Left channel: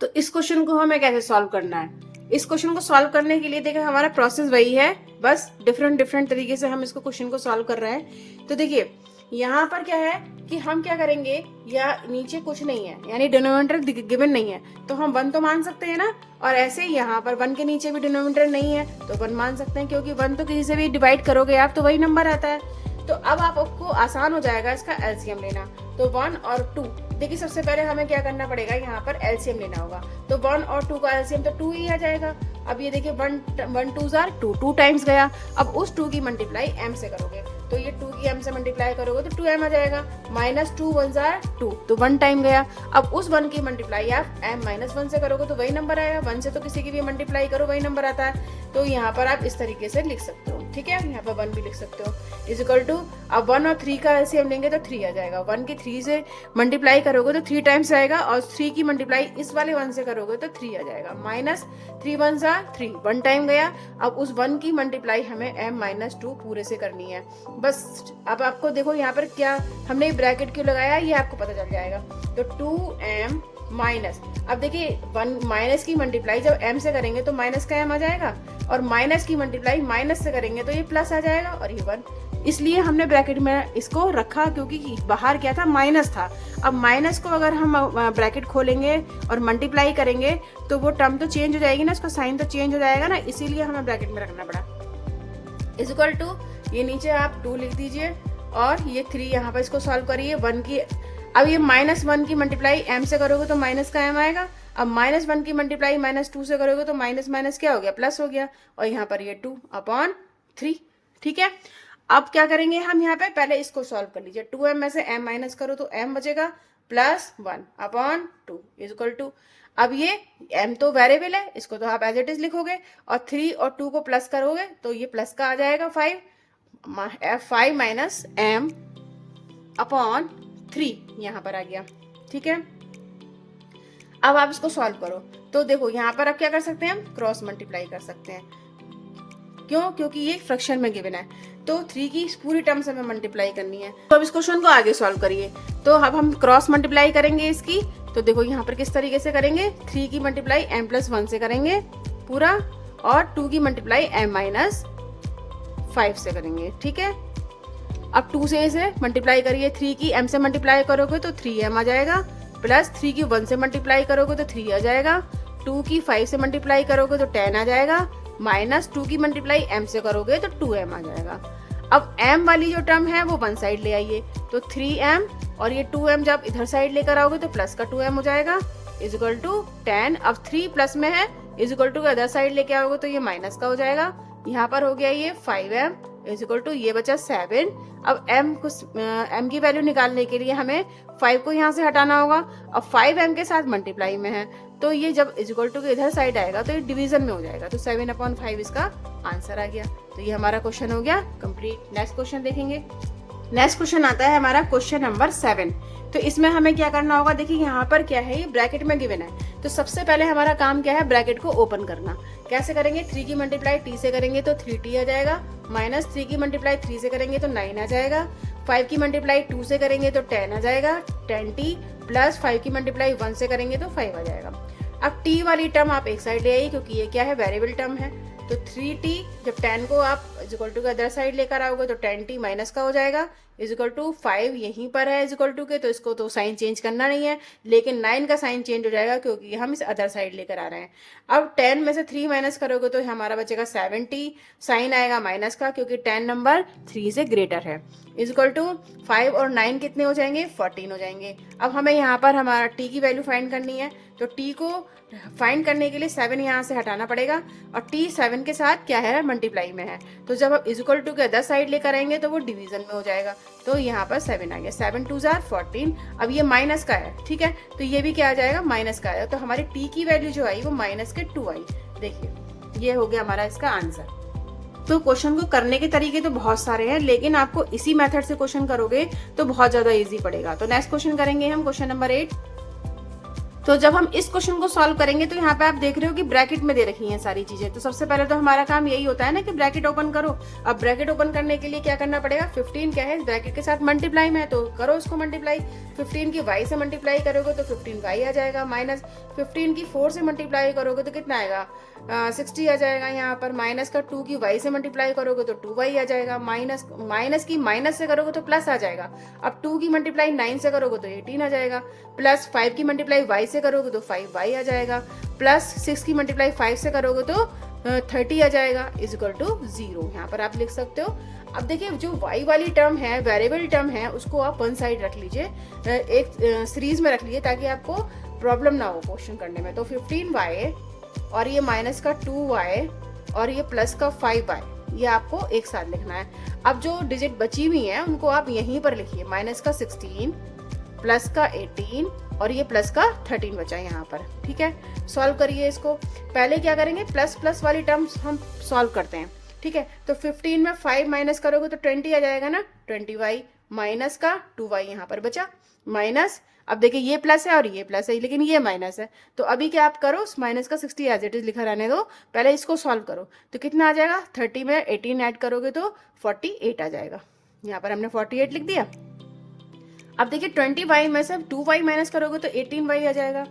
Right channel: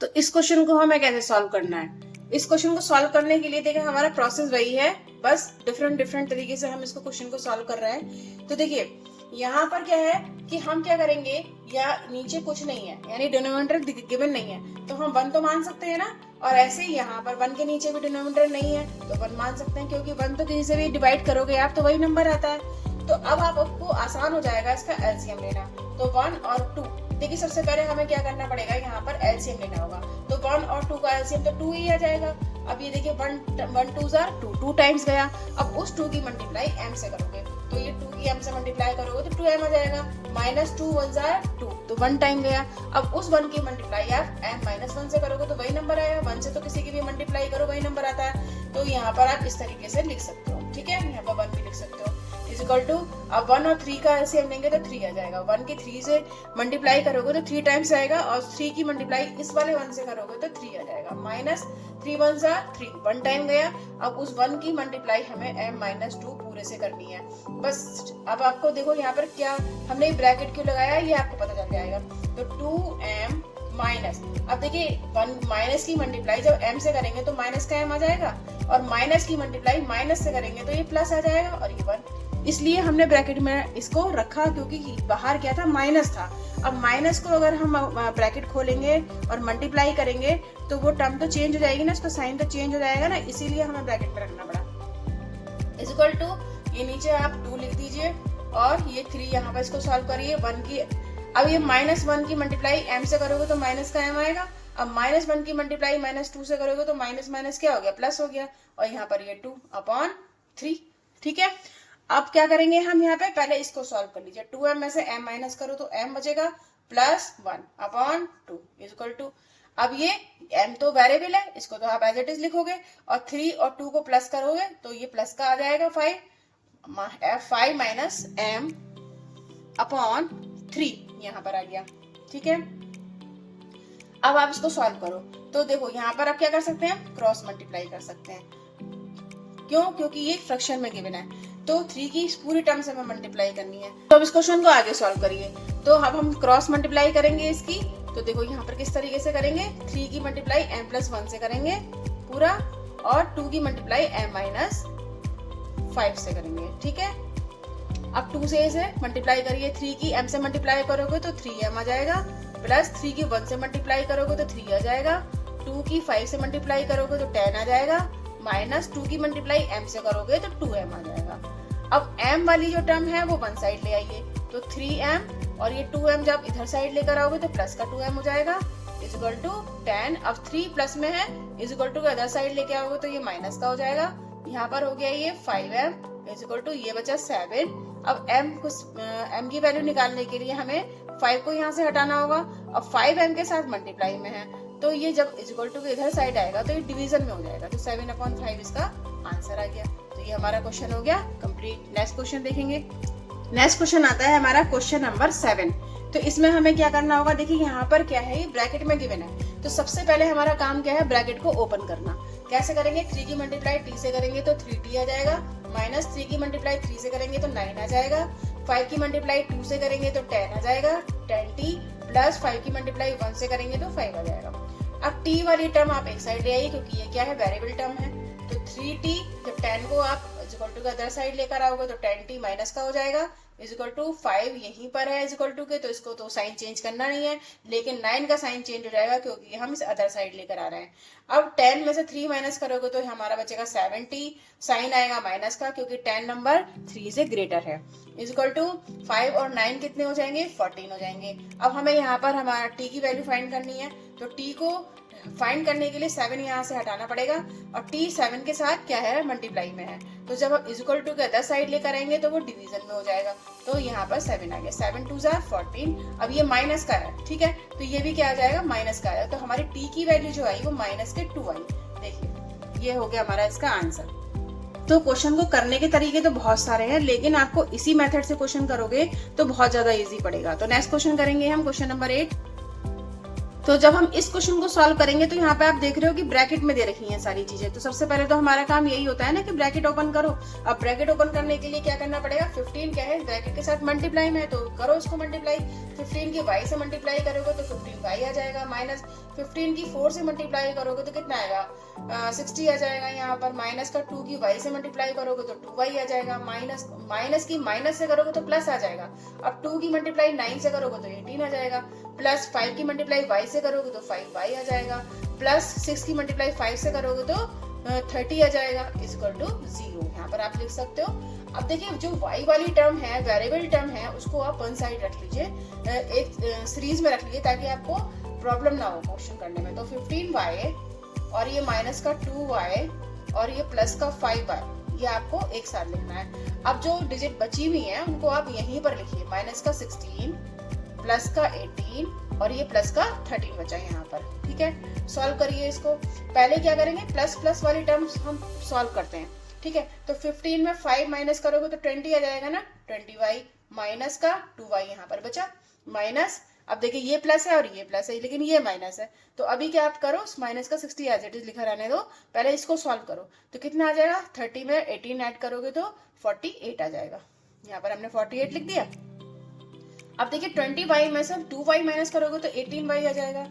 तो इस क्वेश्चन को हमें कैसे सॉल्व करना है? इस क्वेश्चन को सॉल्व करने के लिए देखिए हमारा प्रोसेस वही है, बस डिफरेंट तरीके से हम इसको क्वेश्चन को सॉल्व कर रहे हैं। तो देखिए यहाँ पर क्या है कि हम क्या करेंगे, या नीचे कुछ नहीं है यानी डिनोमिनेटर गिवन नहीं है तो हम 1 तो मान सकते हैं ना, और ऐसे ही यहाँ पर 1 के नीचे भी डिनोमिनेटर नहीं है तो 1 मान सकते हैं, क्योंकि 1 तो किसी से भी डिवाइड करोगे आप तो वही नंबर आता है। तो अब आपको आसान हो जाएगा इसका एलसीएम लेना। तो 1 और 2, देखिए सबसे पहले हमें क्या करना पड़ेगा, यहाँ पर एलसीएम लेना होगा। तो 1 और 2 का एलसीएम तो 2 ही आ जाएगा। अब ये देखिए 1 2 जार 2 टाइम्स गया। अब उस 2 की मल्टीप्लाई m से करोगे तो ये 2 की m से मल्टीप्लाई करोगे तो 2m आ जाएगा। -2 1 जार 2 तो 1 टाइम गया। अब उस 1 की मल्टीप्लाई आप m-1 से करोगे तो वही नंबर आएगा। 1 से तो किसी की भी मल्टीप्लाई करो वही नंबर आता है। तो यहाँ पर आप इस तरीके से लिख सकते हो, ठीक है। यहाँ पर 1 भी लिख सकते हो इज इक्वल टू, अब 1 और 3 का एलसीएम लेंगे तो 3 आ जाएगा। 1 की 3 से मल्टीप्लाई करोगे तो 3 टाइम्स आएगा, और 3 की मल्टीप्लाई इस वाले 1 से करोगे तो 3 आ जाएगा। -3 1 जार 3 1 टाइम गया। अब उस 1 की मल्टीप्लाई हमें m-2 पूरे से करनी है बस। अब आपको देखो यहाँ पर क्या हमने ब्रैकेट क्यों लगाया ये आपको पता चल जाएगा। तो 2m माइनस, अब देखिए 1 माइनस की मल्टीप्लाई जब m से करेंगे तो माइनस का m आ जाएगा, और माइनस की मल्टीप्लाई माइनस से करेंगे तो ये प्लस आ जाएगा, और ये 1। इसलिए हमने ब्रैकेट में इसको रखा क्योंकि बाहर क्या था, माइनस था। अब माइनस को अगर हम ब्रैकेट खोलेंगे और मल्टीप्लाई करेंगे तो वो टर्म तो चेंज हो जाएगी ना, उसका साइन तो चेंज हो जाएगा ना, इसीलिए हमें ब्रैकेट में रखना पड़ा। इज इक्वल टू, ये नीचे आप 2 लिख दीजिए और ये 3 यहाँ पर इसको सॉल्व करिए। 1 की, अब ये -1 की मल्टीप्लाई m से करोगे तो माइनस का m आएगा। अब -1 की मल्टीप्लाई -2 से करोगे तो माइनस माइनस क्या हो गया, प्लस हो गया, और यहाँ पर ये 2/3, ठीक है। अब क्या करेंगे हम यहाँ पे, पहले इसको सॉल्व कर लीजिए। 2m में से m माइनस करो तो m बचेगा, +1/2 इज इक्वल टू, अब ये m तो वेरिएबल है, इसको तो आप एज इट इज लिखोगे, और 3 और 2 को प्लस करोगे तो ये प्लस का आ जाएगा 5 माइनस m/3 यहाँ पर आ गया, ठीक है। अब आप इसको सॉल्व करो तो देखो यहाँ पर आप क्या कर सकते हैं, हम क्रॉस मल्टीप्लाई कर सकते हैं। क्यों? क्योंकि ये फ्रैक्शन में गिवन है तो 3 की पूरी टर्म से हमें मल्टीप्लाई करनी है। तो अब इस क्वेश्चन को आगे सॉल्व करिए। तो अब हम क्रॉस मल्टीप्लाई करेंगे इसकी, तो देखो यहाँ पर किस तरीके से करेंगे, 3 की मल्टीप्लाई m+1 से करेंगे पूरा, और 2 की मल्टीप्लाई m-5 से करेंगे, ठीक है। अब 2 से इसे मल्टीप्लाई करिए, 3 की m से मल्टीप्लाई करोगे तो 3m आ जाएगा, प्लस 3 की 1 से मल्टीप्लाई करोगे तो 3 आ जाएगा, 2 की 5 से मल्टीप्लाई करोगे तो 10 आ जाएगा, -2 की मल्टीप्लाई m से करोगे तो 2m आ जाएगा। अब m वाली जो टर्म है वो 1 साइड ले आइए, तो 3m और ये 2m जब इधर साइड लेकर आओगे तो प्लस का 2m हो जाएगा, इज इक्वल टू 10। अब 3 प्लस में है, is equal to other side लेके आओगे तो ये माइनस का हो जाएगा। यहाँ पर हो गया ये 5m इज इक्वल टू, ये बचा 7। अब m की वैल्यू निकालने के लिए हमें 5 को यहाँ से हटाना होगा। अब 5m के साथ मल्टीप्लाई में है तो ये जब इज इक्वल टू के इधर साइड आएगा तो ये डिवीजन में हो जाएगा, तो 7/5 इसका आंसर आ गया। तो ये हमारा क्वेश्चन हो गया कंप्लीट। नेक्स्ट क्वेश्चन देखेंगे। नेक्स्ट क्वेश्चन आता है हमारा क्वेश्चन नंबर 7। तो इसमें हमें क्या करना होगा, देखिए यहाँ पर क्या है, ये ब्रैकेट में गिवन है। तो सबसे पहले हमारा काम क्या है, ब्रैकेट को ओपन करना। कैसे करेंगे, 3 की मल्टीप्लाई t से करेंगे तो 3t आ जाएगा, -3 की मल्टीप्लाई 3 से करेंगे तो 9 आ जाएगा, 5 की मल्टीप्लाई 2 से करेंगे तो 10 आ जाएगा, 10t, प्लस 5 की मल्टीप्लाई 1 से करेंगे तो 5 आ जाएगा। अब t वाली टर्म आप एक साइड ले आइए क्योंकि ये क्या है, वेरिएबल टर्म है। तो 3t, जब 10 को आप इज इक्वल टू के अदर साइड लेकर आओगे तो 10t माइनस का हो जाएगा, इज इक्वल टू 5 यहीं पर है इज इक्वल टू के, तो इसको तो साइन चेंज करना नहीं है, लेकिन 9 का साइन चेंज हो जाएगा क्योंकि हम इस अदर साइड लेकर आ रहे हैं। अब 10 में से 3 माइनस करोगे तो हमारा बचेगा 7t, साइन आएगा माइनस का क्योंकि 10 नंबर 3 से ग्रेटर है, इज इक्वल टू 5 और 9 कितने हो जाएंगे, 14 हो जाएंगे। अब हमें यहाँ पर हमारा t की वैल्यू फाइंड करनी है, तो t को फाइंड करने के लिए 7 यहाँ से हटाना पड़ेगा, और t 7 के साथ क्या है, मल्टीप्लाई में है। तो जब हम इज इक्वल टू के अदर साइड लेकर आएंगे तो वो डिवीजन में हो जाएगा, तो यहाँ पर 7 आ गया, 7 2 जार 14। अब ये माइनस का है, ठीक है, तो ये भी क्या आ जाएगा, माइनस का आएगा। तो हमारी t की वैल्यू जो आई वो -2 आई। देखिए ये हो गया हमारा इसका आंसर। तो क्वेश्चन को करने के तरीके तो बहुत सारे हैं, लेकिन आपको इसी मेथड से क्वेश्चन करोगे तो बहुत ज्यादा इजी पड़ेगा। तो नेक्स्ट क्वेश्चन करेंगे हम, क्वेश्चन नंबर 8। तो जब हम इस क्वेश्चन को सॉल्व करेंगे तो यहाँ पे आप देख रहे हो कि ब्रैकेट में दे रखी हैं सारी चीजें। तो सबसे पहले तो हमारा काम यही होता है ना कि ब्रैकेट ओपन करो। अब ब्रैकेट ओपन करने के लिए क्या करना पड़ेगा, 15 क्या है ब्रैकेट के साथ मल्टीप्लाई में है तो करो उसको मल्टीप्लाई। 15 की y से मल्टीप्लाई करोगे तो 15y आ जाएगा, माइनस 15 की 4 से मल्टीप्लाई करोगे तो कितना आएगा 60 आ जाएगा। यहाँ पर माइनस का 2 की y से मल्टीप्लाई करोगे तो 2y आ जाएगा, माइनस की माइनस से करोगे तो प्लस आ जाएगा। अब 2 की मल्टीप्लाई 9 से करोगे तो 18 आ जाएगा, प्लस 5 की मल्टीप्लाई y से करोगे तो 5y आ जाएगा, प्लस 6 की मल्टीप्लाई 5 से करोगे तो 30 आ जाएगा, इज इक्वल टू 0। यहाँ पर आप लिख सकते हो। अब देखिए जो y वाली टर्म है, वेरिएबल टर्म है, उसको आप वन साइड रख लीजिए, एक सीरीज में रख लीजिए ताकि आपको प्रॉब्लम ना हो क्वेश्चन करने में। तो 15y और ये माइनस का 2y और ये प्लस का 5y, ये आपको एक साथ लिखना है। अब जो डिजिट बची हुई है उनको आप यहीं पर लिखिए, माइनस का 16, प्लस का 18 और ये प्लस का 13 बचा यहाँ पर। ठीक है, सॉल्व करिए इसको। पहले क्या करेंगे, प्लस प्लस वाली टर्म्स हम सॉल्व करते हैं। ठीक है, तो 15 में 5 माइनस करोगे तो 20 आ जाएगा ना, 20y माइनस का 2y यहाँ पर बचा, माइनस। अब देखिए ये प्लस है और ये प्लस है लेकिन ये माइनस है, तो अभी क्या आप करो, माइनस का 60 एज इट इज लिखा रहने दो, पहले इसको सॉल्व करो। तो कितना आ जाएगा, 30 में 18 ऐड करोगे तो 48 आ जाएगा। यहाँ पर हमने 48 लिख दिया। अब देखिए 20y में से 2y माइनस करोगे तो 18y आ जाएगा।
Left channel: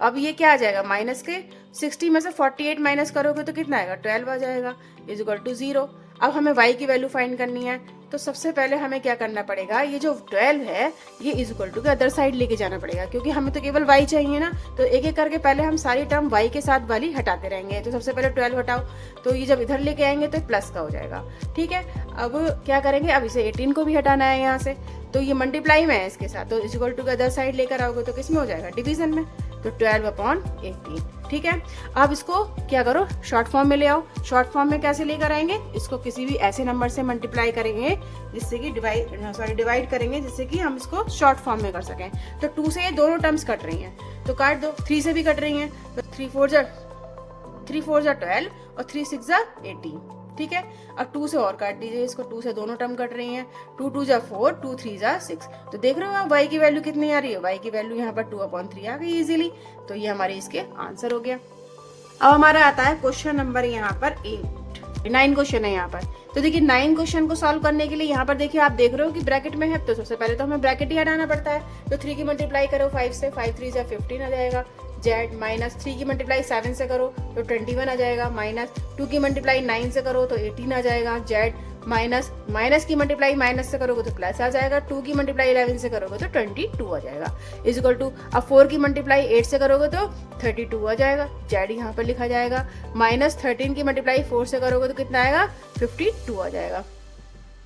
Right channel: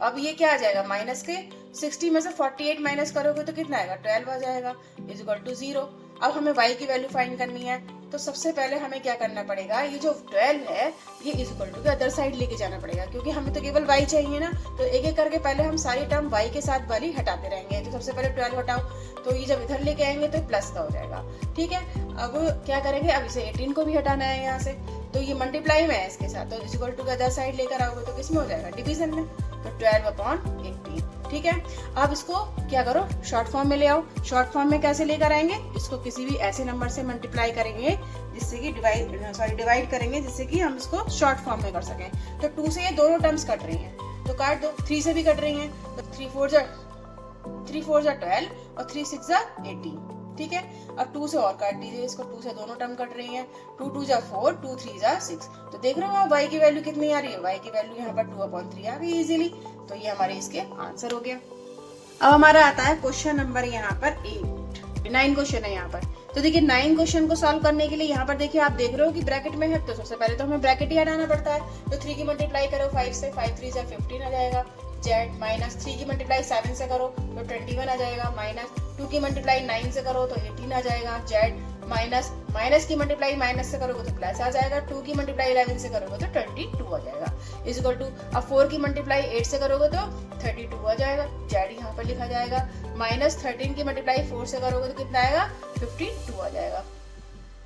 अब ये क्या आ जाएगा, माइनस के 60 में से 48 माइनस करोगे तो कितना आएगा, 12 आ जाएगा, इज इक्वल टू 0। अब हमें y की वैल्यू फाइंड करनी है, तो सबसे पहले हमें क्या करना पड़ेगा, ये जो 12 है ये इज इक्वल टू के अदर साइड लेके जाना पड़ेगा, क्योंकि हमें तो केवल y चाहिए ना। तो एक एक करके पहले हम सारी टर्म y के साथ वाली हटाते रहेंगे। तो सबसे पहले 12 हटाओ, तो ये जब इधर लेके आएंगे तो प्लस का हो जाएगा। ठीक है, अब क्या करेंगे, अब इसे 18 को भी हटाना है यहाँ से, तो ये मल्टीप्लाई में है इसके साथ, तो इज इक्वल टू के अदर साइड लेकर आओगे तो किस में हो जाएगा, डिवीजन में, तो 12/18। ठीक है, अब इसको क्या करो, शॉर्ट फॉर्म में ले आओ। शॉर्ट फॉर्म में कैसे लेकर आएंगे, इसको किसी भी ऐसे नंबर से मल्टीप्लाई करेंगे जिससे कि डिवाइड करेंगे जिससे कि हम इसको शॉर्ट फॉर्म में कर सकें। तो 2 से ये दोनों टर्म्स कट रही हैं तो काट दो, 3 से भी कट रही हैं तो 3 4 जा 12 और 3 6 जा 18। ठीक है, अब 2 से और काट दीजिए इसको, 2 से दोनों टर्म कट रही हैं, 2 2 जा 4, 2 3 जा 6। तो देख रहे हो y की वैल्यू कितनी आ रही है, y की वैल्यू यहाँ पर 2/3 आ गई इजीली। तो ये हमारे इसके आंसर हो गया। अब हमारा आता है क्वेश्चन नंबर यहाँ पर 8, 9 क्वेश्चन है यहाँ पर। तो देखिए 9 क्वेश्चन को सॉल्व करने के लिए यहाँ पर देखिए आप देख रहे हो कि ब्रैकेट में है, तो सबसे पहले तो हमें ब्रैकेट ही हटाना पड़ता है। तो 3 की मल्टीप्लाई करो 5 से, 5 3 जा 15 आ जाएगा, जेड माइनस 3 की मल्टीप्लाई 7 से करो तो 21 आ जाएगा, माइनस 2 की मल्टीप्लाई 9 से करो तो 18 आ जाएगा, जेड माइनस की मल्टीप्लाई माइनस से करोगे तो प्लस आ जाएगा, 2 की मल्टीप्लाई 11 से करोगे तो 22 आ जाएगा, इज इक्वल टू। अब 4 की मल्टीप्लाई 8 से करोगे तो 32 आ जाएगा, जेड यहाँ पर लिखा जाएगा, माइनस 13 की मल्टीप्लाई 4 से करोगे तो कितना आएगा, 52 आ जाएगा,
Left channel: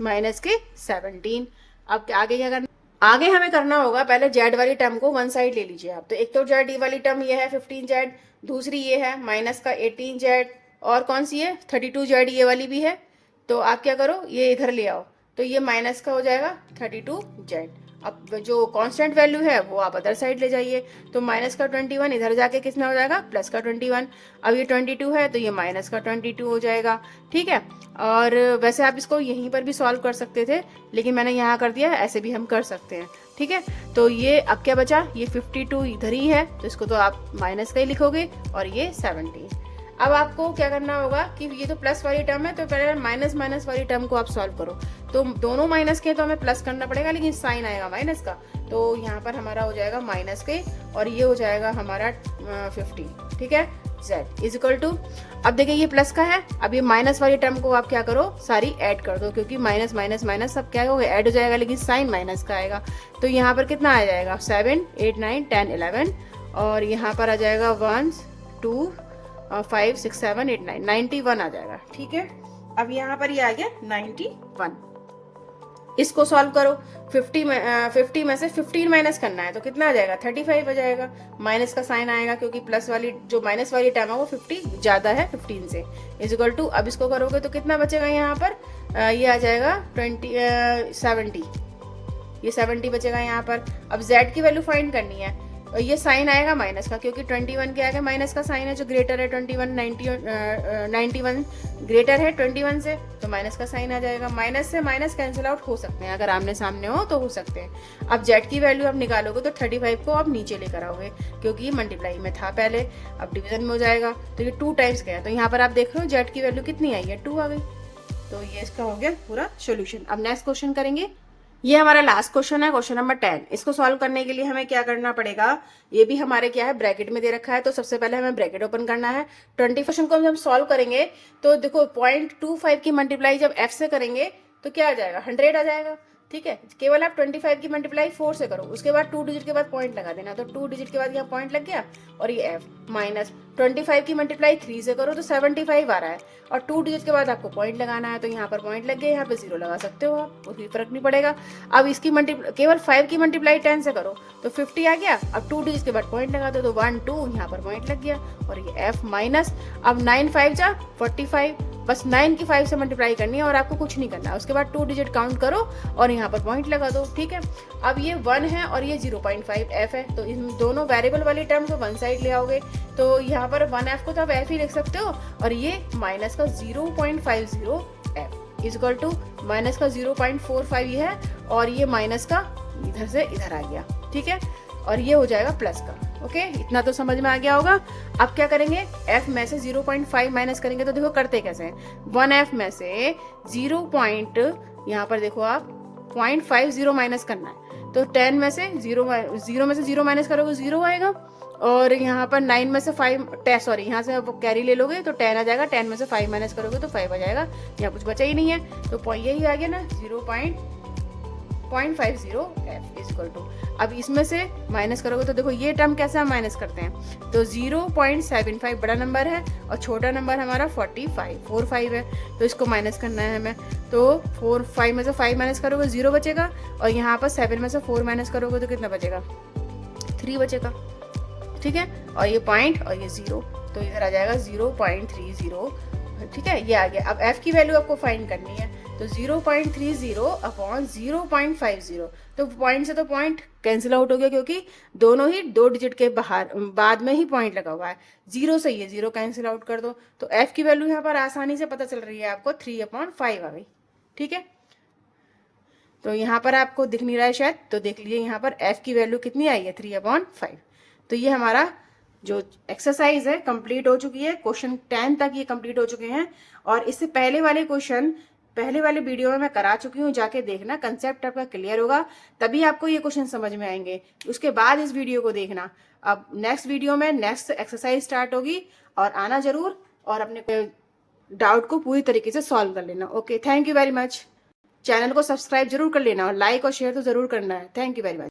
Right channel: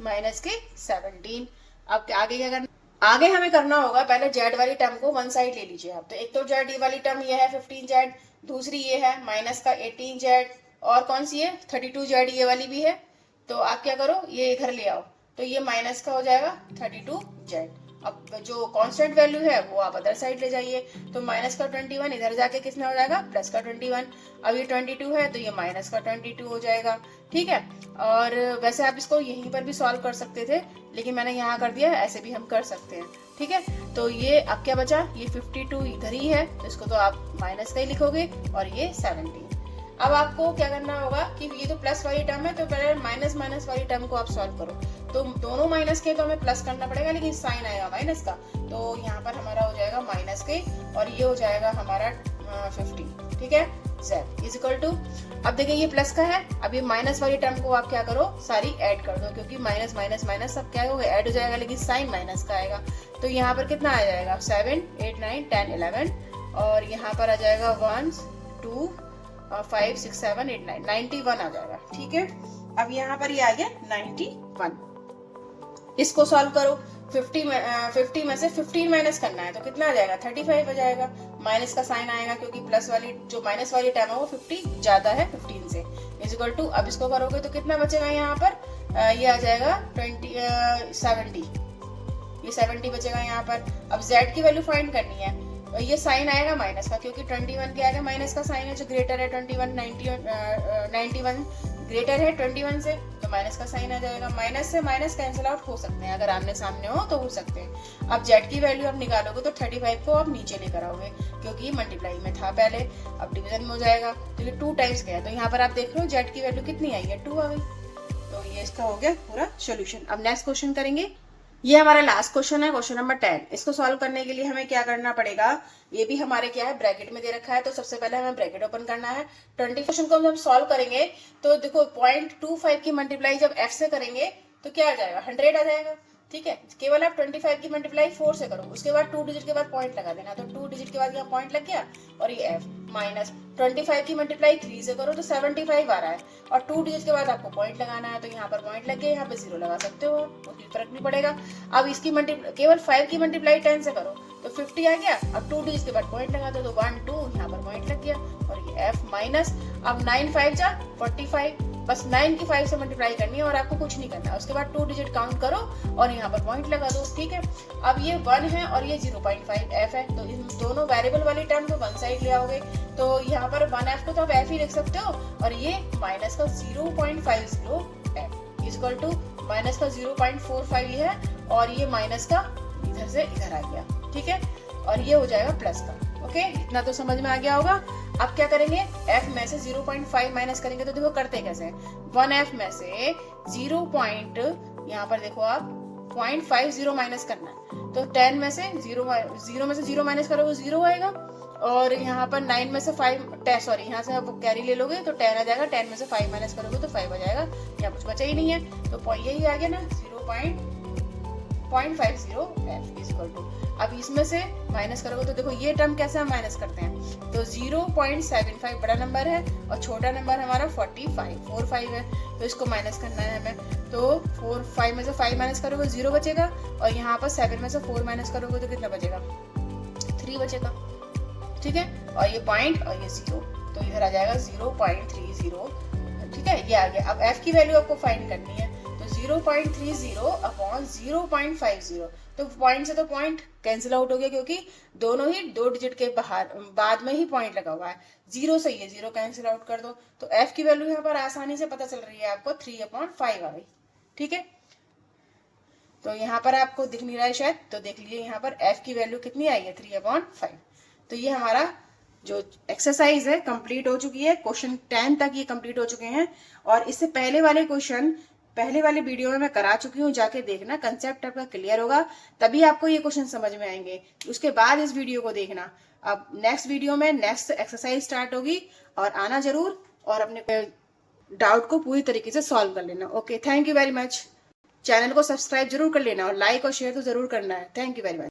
माइनस के 17। अब आगे क्या करना, आगे हमें करना होगा, पहले जेड वाली टर्म को वन साइड ले लीजिए आप। तो एक तो जेड वाली टर्म ये है 15 जेड, दूसरी ये है माइनस का 18 जेड, और कौन सी है 32 जेड, ये वाली भी है। तो आप क्या करो, ये इधर ले आओ, तो ये माइनस का हो जाएगा 32 जेड। अब जो कांस्टेंट वैल्यू है वो आप अदर साइड ले जाइए, तो माइनस का 21 इधर जाके कितना हो जाएगा, प्लस का 21। अब ये 22 है तो ये माइनस का 22 हो जाएगा। ठीक है, और वैसे आप इसको यहीं पर भी सॉल्व कर सकते थे, लेकिन मैंने यहाँ कर दिया, ऐसे भी हम कर सकते हैं। ठीक है, तो ये अब क्या बचा, ये 52 इधर ही है तो इसको तो आप माइनस का ही लिखोगे, और ये 17। अब आपको क्या करना होगा कि ये तो प्लस वाली टर्म है, तो पहले माइनस वाली टर्म को आप सॉल्व करो। तो दोनों माइनस के तो हमें प्लस करना पड़ेगा, लेकिन साइन आएगा माइनस का, तो यहाँ पर हमारा हो जाएगा माइनस के, और ये हो जाएगा हमारा 50। ठीक है, z इज इक्वल टू, अब देखिए ये प्लस का है, अब ये माइनस वाली टर्म को आप क्या करो, सारी ऐड कर दो, क्योंकि माइनस माइनस माइनस सब क्या होगा, ऐड हो जाएगा, लेकिन साइन माइनस का आएगा। तो यहाँ पर कितना आ जाएगा, 7 8 9 10 11, और यहाँ पर आ जाएगा 1 2 5 6 7 8 9 91 आ जाएगा। ठीक है, अब यहाँ पर ये आ गया 91। इसको सॉल्व करो, 50 में से 15 माइनस करना है तो कितना आ जाएगा, 35 आ जाएगा, माइनस का साइन आएगा क्योंकि प्लस वाली जो माइनस वाली टर्म है वो 50 ज्यादा है 15 से, इज इक्वल टू। अब इसको करोगे तो कितना बचेगा यहाँ पर, ये आ जाएगा 70, ये 70 बचेगा यहाँ पर। अब z की वैल्यू फाइंड करनी है, और ये साइन आएगा माइनस का, क्योंकि 21 के आगे माइनस का साइन है जो ग्रेटर है 21, 91 ग्रेटर है 21 से, तो माइनस का साइन आ जाएगा। माइनस से माइनस कैंसिल आउट हो सकते हैं, अगर आमने सामने हो तो हो सकते हैं। अब जेड की वैल्यू आप निकालोगे तो 35 को आप नीचे लेकर आओगे, क्योंकि ये मल्टीप्लाई में था पहले, अब डिवीजन में हो जाएगा। तो ये 2 टाइम्स गया, तो यहाँ पर आप देख रहे हो जेड की वैल्यू कितनी आई है, 2 आ गई। तो ये इसका हो गया पूरा सोल्यूशन। अब नेक्स्ट क्वेश्चन करेंगे। ये हमारा लास्ट क्वेश्चन है, क्वेश्चन नंबर 10। इसको सॉल्व करने के लिए हमें क्या करना पड़ेगा, ये भी हमारे क्या है ब्रैकेट में दे रखा है, तो सबसे पहले हमें ब्रैकेट ओपन करना है। 20 क्वेश्चन को हम सॉल्व करेंगे तो देखो 0.25 की मल्टीप्लाई जब f से करेंगे तो क्या आ जाएगा, 100 आ जाएगा। ठीक है, केवल आप 25 की मल्टीप्लाई 4 से करो, उसके बाद 2 डिजिट के बाद पॉइंट लगा देना, तो 2 डिजिट के बाद यहाँ पॉइंट लग गया, और ये f माइनस 25 की मल्टीप्लाई 3 से करो तो 75 आ रहा है, और 2 डिजिट के बाद आपको पॉइंट लगाना है, तो यहाँ पर पॉइंट लग गया, यहाँ पे 0 लगा सकते हो, कोई फर्क नहीं पड़ेगा। अब इसकी केवल 5 की मल्टीप्लाई 10 से करो तो 50 आ गया, अब 2 डिजिट के बाद पॉइंट लगा दो, तो 1 2 यहाँ पर पॉइंट लग गया, और ये f माइनस, अब 9 5 जा 45, बस 9 की 5 से मल्टीप्लाई करनी है और आपको कुछ नहीं करना है। उसके बाद 2 डिजिट काउंट करो और यहाँ पर पॉइंट लगा दो। ठीक है, अब ये 1 है और ये 0.5 f है, तो इन दोनों वेरिएबल वाली टर्म को वन साइड ले आओगे, तो यहाँ पर 1f को तो आप f ही लिख सकते हो, और ये माइनस का 0.50 f इजकल टू माइनस का 0.45 ये है, और ये माइनस का इधर से इधर आ गया। ठीक है, और ये हो जाएगा प्लस का। ओके, इतना तो समझ में आ गया होगा। अब क्या करेंगे, f में से 0.5 माइनस करेंगे, तो देखो करते कैसे हैं। 1f में से 0. यहाँ पर देखो आप 0.50 माइनस करना है, तो 10 में से 0 में से 0 माइनस करोगे 0 आएगा, और यहाँ पर 9 में से 5 सॉरी यहाँ से कैरी ले लोगे तो 10 आ जाएगा, 10 में से 5 माइनस करोगे तो 5 आ जाएगा, यहाँ कुछ बचा ही नहीं है, तो यही आ गया ना 0.50 f इक्वल टू। अब इसमें से माइनस करोगे तो देखो ये टर्म कैसे हम माइनस करते हैं, तो 0.75 बड़ा नंबर है और छोटा नंबर हमारा 45 है, तो इसको माइनस करना है हमें, तो 5 में से 5 माइनस करोगे 0 बचेगा, और यहाँ पर 7 में से 4 माइनस करोगे तो कितना बचेगा, 3 बचेगा। ठीक है, और ये पॉइंट और ये 0, तो इधर आ जाएगा 0.30। ठीक है, ये आ गया। अब f की वैल्यू आपको फाइंड करनी है, तो 0.30 अपॉन 0.50, तो पॉइंट से तो पॉइंट कैंसिल आउट हो गया, क्योंकि दोनों ही 2 डिजिट के बाद में ही पॉइंट लगा हुआ है, 0 से ये 0 कैंसिल आउट कर दो, तो f की वैल्यू यहाँ पर आसानी से पता चल रही है आपको, 3/5 आ गई। ठीक है, तो यहाँ पर आपको दिख नहीं रहा है शायद, तो देख लीजिए यहाँ पर f की वैल्यू कितनी आई है, 3/5। तो ये हमारा जो एक्सरसाइज है कंप्लीट हो चुकी है, क्वेश्चन 10 तक ये कंप्लीट हो चुके हैं, और इससे पहले वाले क्वेश्चन पहले वाले वीडियो में मैं करा चुकी हूँ, जाके देखना, कंसेप्ट आपका क्लियर होगा, तभी आपको ये क्वेश्चन समझ में आएंगे, उसके बाद इस वीडियो को देखना। अब नेक्स्ट वीडियो में नेक्स्ट एक्सरसाइज स्टार्ट होगी, और आना जरूर, और अपने डाउट को पूरी तरीके से सॉल्व कर लेना। Okay, thank you very much. Channel को सब्सक्राइब जरूर कर लेना, और लाइक और शेयर तो जरूर करना है। Thank you very much.